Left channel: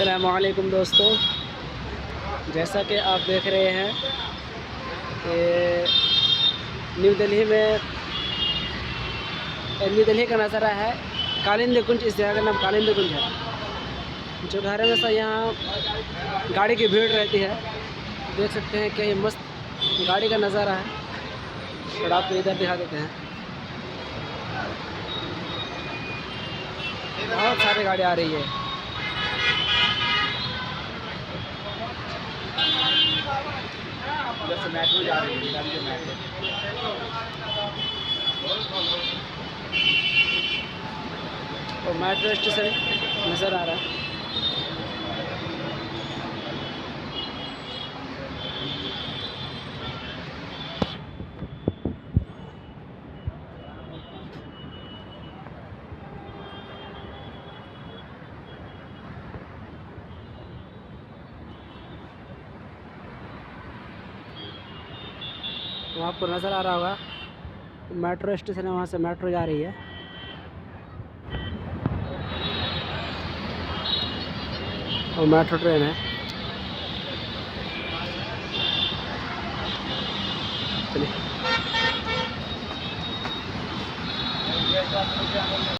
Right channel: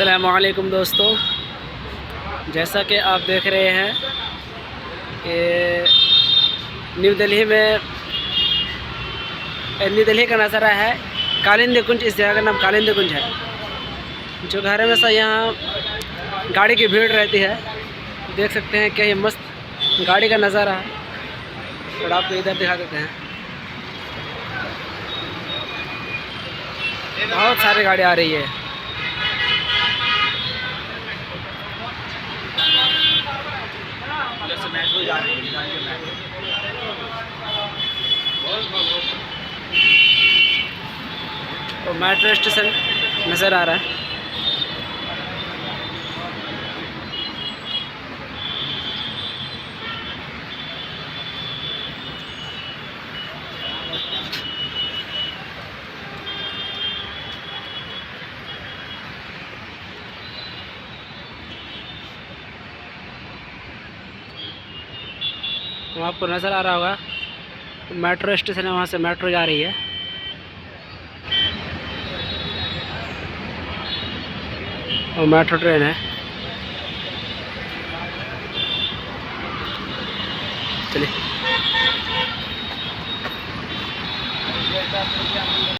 अस्सलामुअलैकुम दोस्तों, जैसा कि आप देख रहे हैं कि न्यू दिल्ली का नज़ारा है। कालिंदी कुंज, इस जगह का नाम कालिंदी कुंज है। जो घर में से यहाँ गाड़ी की भीड़ रहती है, देख सकते हैं क्या ये मस्त गाड़ी का नज़ारा है। थोड़ा आपको इधर दिखा देते हैं, बहुत सारी गाड़ी आ रही है। मेट्रो जा रही है, और मेट्रो स्टेशन नज़र आ रहा है। वहाँ आपको नज़र आ रहा होगा मेट्रो स्टेशन है, वहाँ से मेट्रो जा रही है। और मेट्रो ट्रेन है। चलिए।